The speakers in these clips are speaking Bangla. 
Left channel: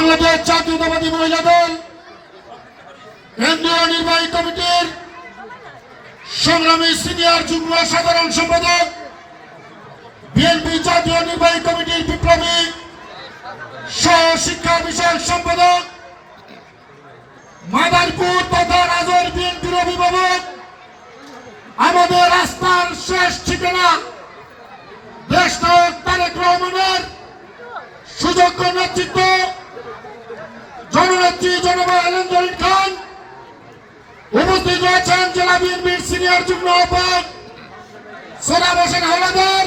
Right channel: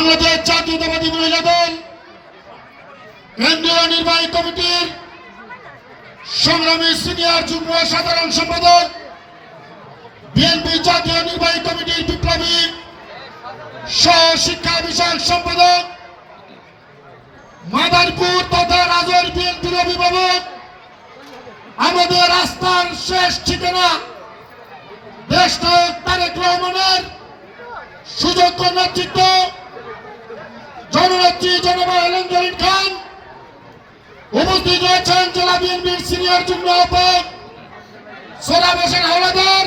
বাংলাদেশ জাতীয়তাবাদী মহিলা দল, কেন্দ্রীয় নির্বাহী কমিটির সংগ্রামী সিনিয়র যুগ্ম সাধারণ সম্পাদক বিএনপি জাতীয় নির্বাহী কমিটির বিপ্লবী সহ শিক্ষা বিষয়ক সম্পাদক, মাদারপুর তথা রাজর বিএনপির অভিভাবক, আমাদের রাস্তার শেষ ঠিকানা দেশ নায়ক তারেক রহমানের সুযোগ্য নেতৃত্ব জননেত্রী জনবা হেলেন জরিন খান। উপস্থিত রয়েছেন জেলা বিএনপির সিনিয়র যুগ্ম আহ্বায়ক সোলাম হোসেন হাওলাদার,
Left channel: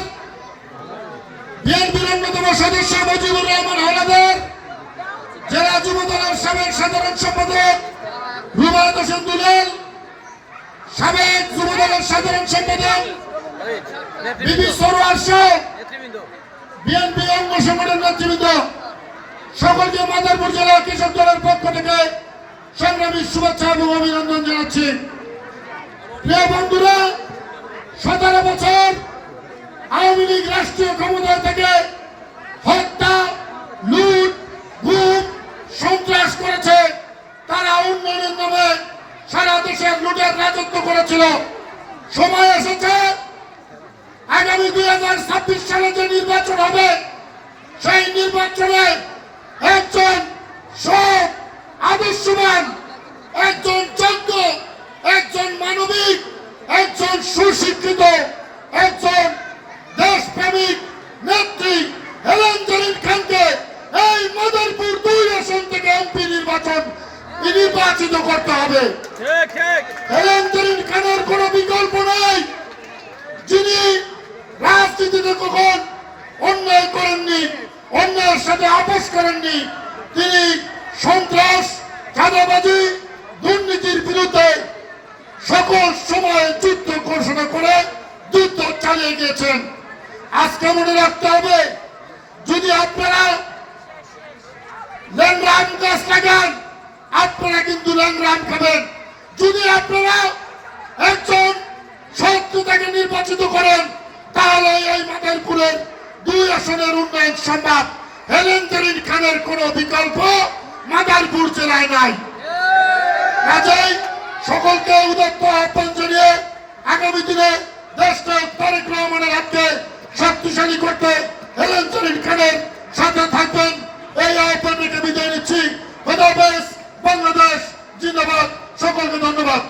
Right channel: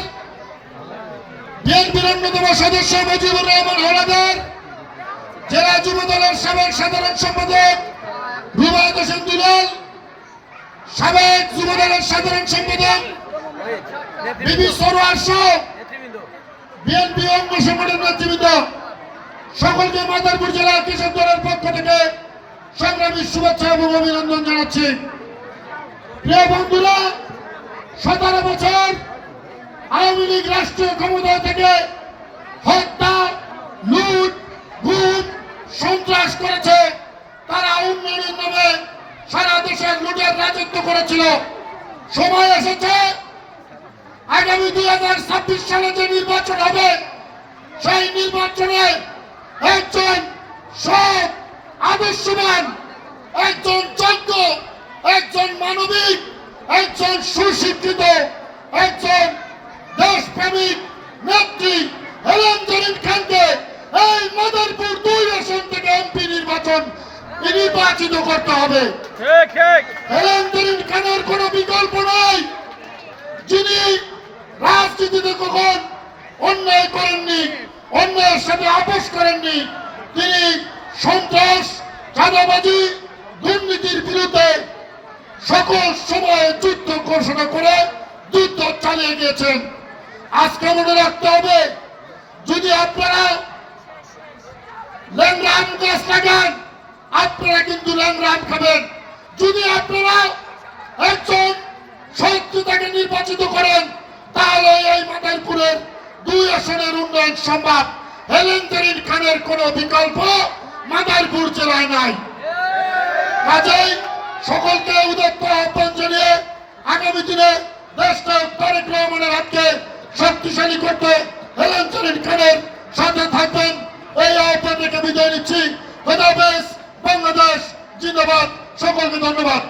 বিএনপির অন্যতম সদস্য মুজিবুর রহমান হাওলাদার, জেলা যুব দলের সাবেক সাধারণ সম্পাদক রুবায়ত হোসেন দুলাল, সাবেক যুব দলের সাধারণ সম্পাদক বিবি সরোয়ার নেতৃবৃন্দ বিএনপি অঙ্গ সংগঠনের নেতৃবৃন্দ। সকলকে মাদারপুর জেলা কৃষক দলের পক্ষ থেকে সংগ্রামী শুভেচ্ছা এবং অভিনন্দন জানাচ্ছি। প্রিয় বন্ধুরা, সতেরো বছর আওয়ামী লীগ রাষ্ট্রীয় ক্ষমতায় থেকে হত্যা, লুট, গুম, সন্ত্রাস করেছে। তারা উন্নয়নের নামে সারা দেশের লুটের রাজত্ব করেছিল। সময় এসেছে, আগামী দুই হাজার ছাব্বিশ সালে যে নির্বাচন হবে, সেই নির্বাচনে একজন সৎ আদর্শবান একজন যোগ্য একজন মানবিক একজন সুশিক্ষিত একজন দেশপ্রেমিক নেত্রী হেলেন জরিন খানকে এই মদরপুর দুই আসন থেকে এমপি নির্বাচন নির্বাচিত করতে হবে। হেলেন জরিন খানের কোনো বিকল্প নাই। সাথে আপোষ করেননি। তিনি সন্ত্রাস, চাঁদাবাজি, দুর্নীতির বিরুদ্ধে সকল সময় যুদ্ধ ঘোষণা করে যুদ্ধ চালিয়ে গিয়েছেন। আজকে মনে রাখতে হবে, যদি আপনারা ল্যাংরাম গাছ লাগান, আপনারা কিন্তু ল্যাংরাম খাবেন। যদি আপনারা একজন শত্রুতাকে নির্বাচিত করেন, তাহলে এই মাদারপুরের দুই আসনের উন্নয়ন সম্ভব হেলেন জরিন খানের কোন বিকল্প মাদারপুর জেলায় নাই। কাজেই সকলকে উদত্ত আহ্বান জানিয়ে আগামী দিনে দেশটা তারেক হাতকে শক্তিশালী করতে হেলেন জরিন খানের সাথে থাকবেন। এই আহ্বান রেখে বিদায় নিচ্ছি। বাংলাদেশ, জিন্দাবাদ। সকলকে ধন্যবাদ।